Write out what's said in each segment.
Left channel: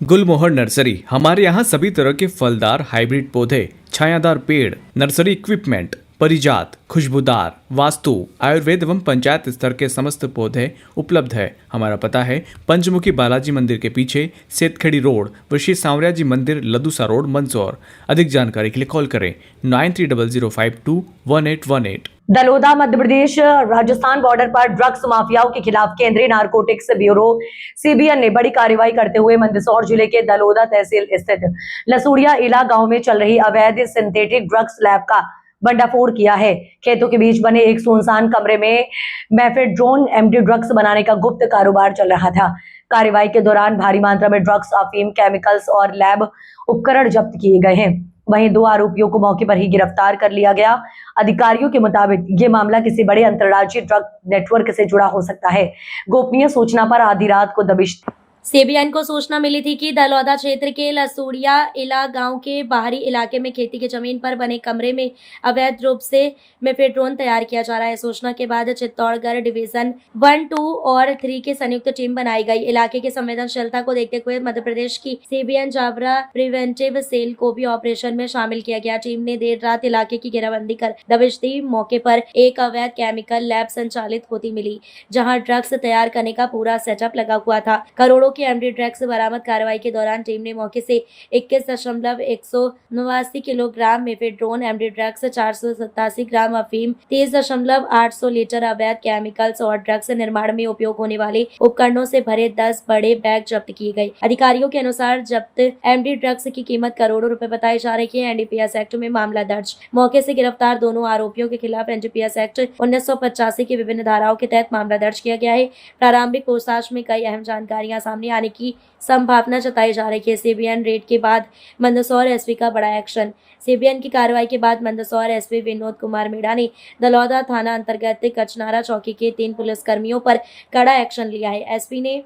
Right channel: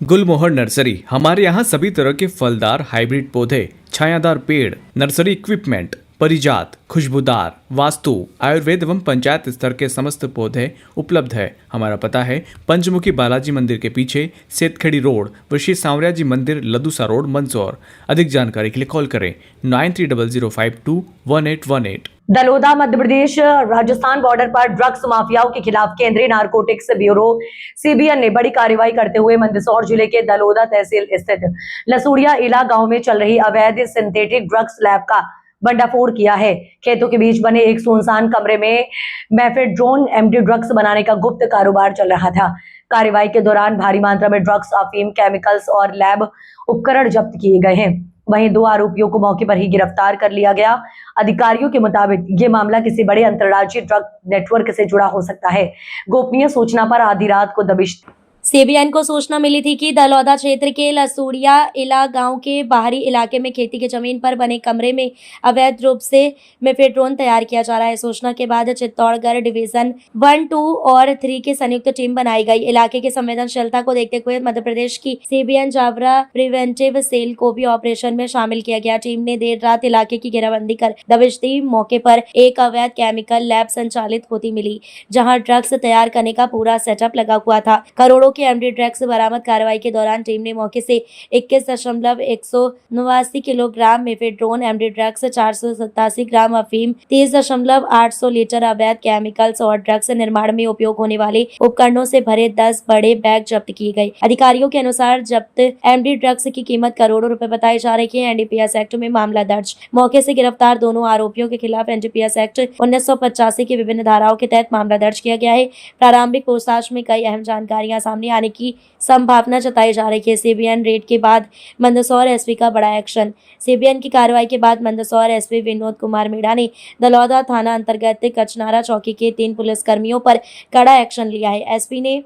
गुलमोहर nursery. हमारे यहाँ सभी तरह के फलदार हाइब्रिड पौधे, छायादार पेड़, नर्सरी इक्विपमेंट, परिजात, खुशबूदार, वास्तु, आयुर्वेद एवं पंचायत स्तर के समस्त पौधे उपलब्ध है। हमारा पता है पंचमुखी बालाजी मंदिर के पीछे, सेतखेड़ी रोड, ऋषि सांवरिया जी मंदिर, लदूसा रोड, मंदसौर। अधिक जानकारी के लिए कॉल करें 9300521818। दलोदा मध्य प्रदेश राजस्थान बॉर्डर पर ड्रग्स माफियाओं के खिलाफ केंद्रीय नारकोटिक्स ब्यूरो सीबीएन ने बड़ी कार्रवाई करते हुए मंदसौर जिले के दलोदा तहसील स्थित लसूड़िया इला गांव में चल रही अवैध सिंथेटिक ड्रग्स लैब का भंडाफोड़ किया है। खेतों के बीच बने एक सुनसान कमरे में मेफेड्रोन एमडी ड्रग्स बनाने का गुप्त कारोबार चल रहा था। कार्रवाई के दौरान भारी मात्रा में ड्रग्स, अफीम, केमिकल्स और लैब उपकरण जब्त किए गए हैं। वहीं 2 आरोपियों को मौके पर ही गिरफ्तार कर लिया गया। अधिकारियों के मुताबिक ये मामला किसी बड़े अंतर्राज्यीय ड्रग नेटवर्क से जुड़ा हो सकता है। गोपनीय सूचना पर आधी रात को दबिश सीबीएन को सूचना मिली थी कि दलौदा क्षेत्र के लसूड़िया इला गांव के बाहरी इलाके में खेती की जमीन पर बने कमरे में अवैध रूप से मेफेड्रोन तैयार किया जा रहा है। सूचना के बाद चित्तौड़गढ़ डिवीजन 1, 2 और 3 की संयुक्त टीम बनाई गई। इलाके की संवेदनशीलता को देखते हुए मध्य प्रदेश की सीबीएन जावरा प्रिवेंटिव सेल को भी ऑपरेशन में शामिल किया गया। टीम ने देर रात इलाके की घेराबंदी कर दबिश दी। मौके पर एक अवैध केमिकल लैब संचालित होती मिली, जहाँ ड्रग्स तैयार करने का पूरा सेटअप लगा हुआ था। करोड़ों के एमडी ड्रग्स बरामद। कार्रवाई के दौरान टीम ने मौके से 21.189 किलोग्राम मेफेड्रोन एमडी ड्रग्स, 487 ग्राम अफीम, 30.800 लीटर अवैध केमिकल्स और ड्रग्स निर्माण में उपयोग होने वाले उपकरणों से भरे 10 बड़े बैग जब्त किए गए। अधिकारियों के अनुसार जब्त एमडी ड्रग्स की कीमत करोड़ों रुपए बताई जा रही है। एनडीपीएस एक्ट में मामला दर्ज। मौके से गिरफ्तार दोनों आरोपियों के खिलाफ एनडीपीएस एक्ट 1985 की विभिन्न धाराओं के तहत मामला दर्ज किया गया है। प्रारंभिक पूछताछ में कई अहम जानकारियां सामने आने की संभावना जताई जा रही है। सीबीएन रेड के बाद मंदसौर एसपी का बड़ा एक्शन। सीबीएन की कार्रवाई के बाद मंदसौर एसपी विनोद कुमार मीणा ने दलौदा थाना अंतर्गत कचनारा चौकी के 3 पुलिसकर्मियों पर कड़ा एक्शन लिया है। एसपी ने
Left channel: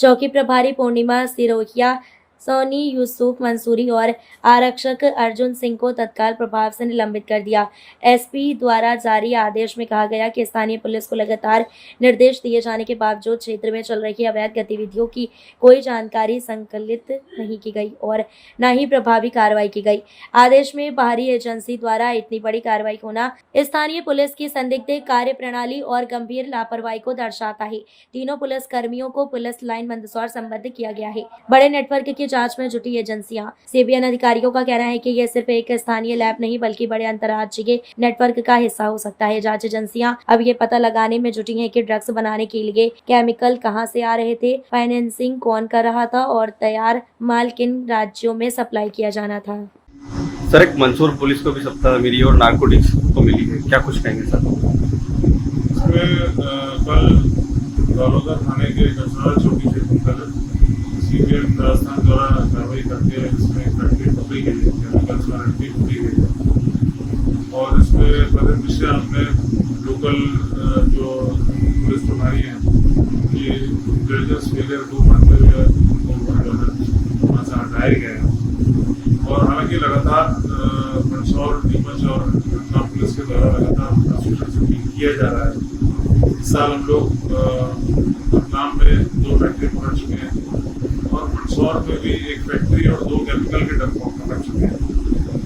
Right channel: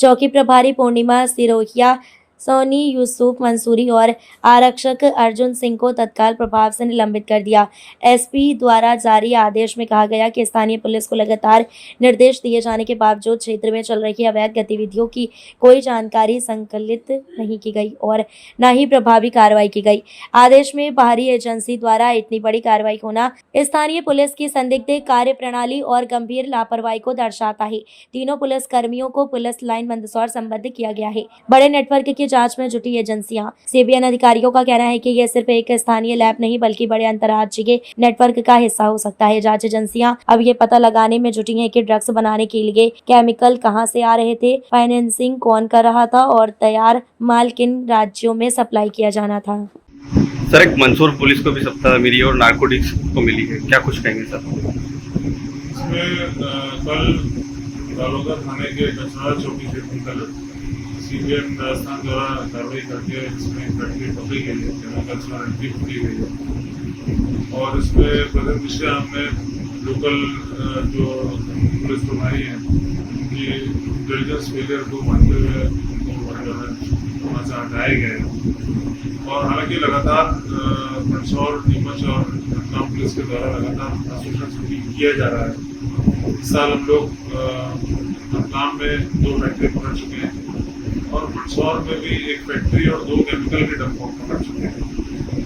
चौकी प्रभारी पूर्णिमा सिरोहिया, सोनी यूसुफ मंसूरी और आरक्षक अर्जुन सिंह को तत्काल प्रभाव से निलंबित कर दिया। एसपी द्वारा जारी आदेश में कहा गया कि स्थानीय पुलिस को लगातार निर्देश दिए जाने के बावजूद क्षेत्र में चल रही अवैध गतिविधियों की कोई जानकारी संकलित नहीं की गई और न ही प्रभावी कार्रवाई की गई। आदेश में बाहरी एजेंसी द्वारा इतनी बड़ी कार्रवाई होना स्थानीय पुलिस की संदिग्ध कार्य प्रणाली और गंभीर लापरवाही को दर्शाता है। तीनों पुलिस कर्मियों को पुलिस लाइन मंदसौर संबद्ध किया गया है। बड़े नेटवर्क की जांच में जुटी एजेंसियां। सीबीएन अधिकारियों का कहना है कि यह सिर्फ एक स्थानीय लैब नहीं बल्कि बड़े अंतर्राज्यीय नेटवर्क का हिस्सा हो सकता है। जांच एजेंसियां अब ये पता लगाने में जुटी हैं कि ड्रग्स बनाने के लिए केमिकल कहां से आ रहे थे, फाइनेंसिंग कौन कर रहा था और तैयार माल किन राज्यों में सप्लाई किया जाना था। सर, एक मंदसौर पुलिस को भी सप्ताह मिली और नारकोटिक्स को मिली है, क्या कुछ कहेंगे सर? इसमें कल दलोदा थाने के कचनारा चौकी से सीबीएन राजस्थान द्वारा कार्रवाई करके इसमें फैक्ट्री पकड़ी गई है, केमिकल्स और एंटी पकड़ी गई है। और इसमें प्रथम दृष्टया हमने लोकल जो पुलिस प्रभारी हैं उनकी इंटेलिजेंस फेलियर को मानते हुए वहाँ से हटाए गए हैं। और हालांकि लगातार मंदसौर, नीमच और रतलाम पुलिस के द्वारा लगातार ऑपरेशन किया जा रहा है। इस साल हम लोग रतलाम में 2 फैक्ट्री पकड़ चुके हैं और मंदसौर में भी एक फैक्ट्री और 2 केमिकल के डब्बों पकड़ चुके हैं।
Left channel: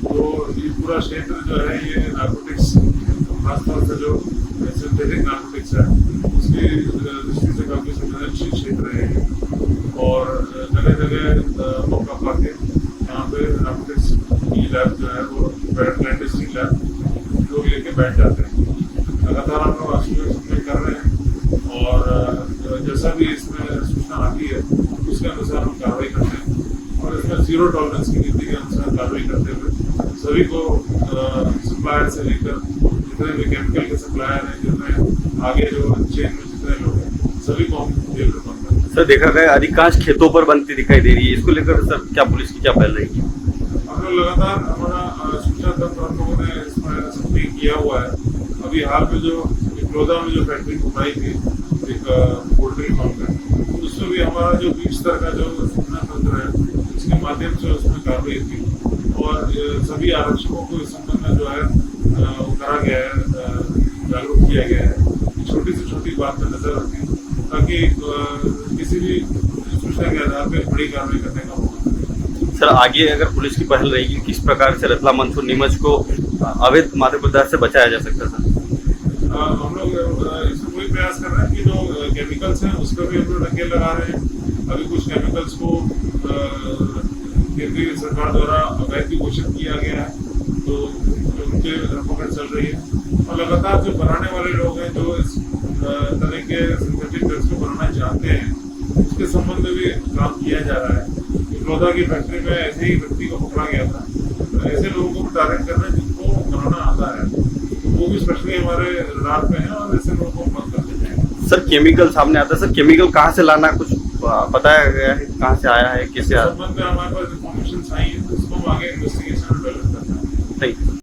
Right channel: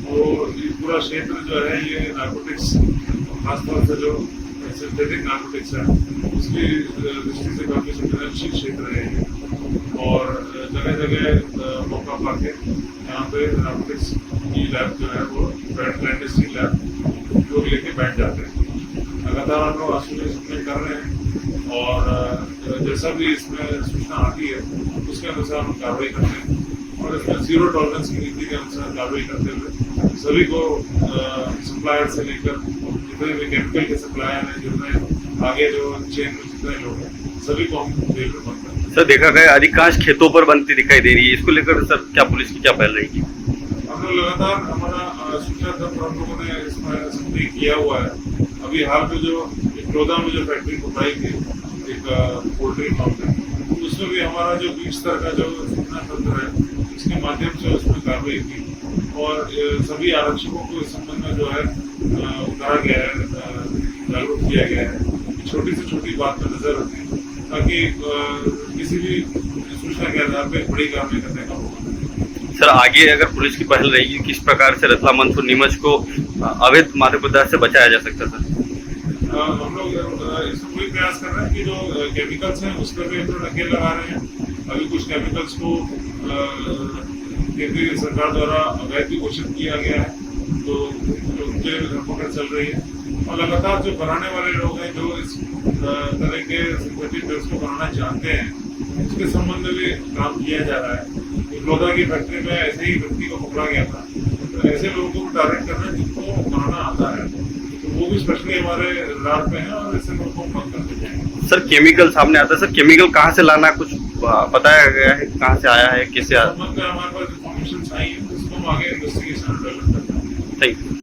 तो ये पूरा क्षेत्र जो है ये नारकोटिक्स, खासतौर से जो सिंथेटिक नारकोटिक्स है उसकी दृष्टि से काफ़ी संवेदनशील क्षेत्र है ये। और जगह जगह मौका पाके यहाँ पे नारकोटिक्स की लैब जो है वो क्लैंडस्टाइन लैब लोग लेके बैठ जाते हैं। लगातार हम लोग आश्वासन कर रहे हैं और जैसा भी इसमें सूचना आती है उसके अनुसार हम कार्रवाई करते हैं और इसमें 0 टॉलरेंस की नीति के अनुसार कार्रवाई करते हुए सभी को सप्लायर से लेकर जितने भी केमिकल के सप्लायर हैं, जितने आगे जो चेन में जितने लोग हैं, सभी को हम जेल में बंद करते हैं। सर, देखा गया अधिकांश खेतों पर बनती दिखाई दे रही है, इसको लेकर सर क्या पुलिस की क्या पहल रहेगी? हम लोग लगातार हमारा सूचना तंत्र हम लोगों ने इसमें सक्रिय किया हुआ है। अभी हाल में जो दलोदा में जो फैक्ट्री खुदाई थी एक पोल्ट्री फार्म में, उसमें भी हमारा जो बीच स्तर का जो सूचना तंत्र है उसके माध्यम से उसमें कार्रवाई की और सभी आरक्षकों को इस संबंध में जो है करा गया है, जागरूक किया गया है कि छोटी से छोटी बात पर नजर रखें ताकि किसी भी सूचना के आधार पर बड़ी कार्रवाई करने का होगा। सर आगे अगर पुलिस की पहल रहेगी किस प्रकार से रतलाम मंसूर नीमच को अवैध मादक पदार्थ से बचाया जा सकता है सर? हम लोग इसमें कोई प्रयास कर रहे हैं कि जो केमिकल्स हैं उस पर भी हम लोग नकेल लगा रहे हैं। अभी कुछ केमिकल्स को केंद्रीय सरकार द्वारा अवैध भी घोषित किया गया है, तो उनके लिए धरपकड़ चल रही है। और लगातार जो बनाने वाले लोग हैं जो इस तरह के सिंथेटिक ड्रग्स को बनाना चाहते हैं, उसके संबंध में भी काम किया जा रहा है। लोधा की फैक्ट्री में ऐसे ही व्यक्ति को पकड़ा गया था, तो ऐसे लोगों को भी टारगेट करना जिनको बनाना आता है, तो वो भी स्पेशली हमारे रडार पे हैं और ऐसे लोगों को मत करते जाएंगे। सर केमिकल सामने आता है, सर केमिकल कहाँ से लाना कुछ बताया गया है, कहाँ से आया है, कैसे आया? संबंध में हमारे पास इन्फॉर्मेशन आई है, उसको हम आगे इन्वेस्टिगेशन डेवलप करते हैं। Thank you.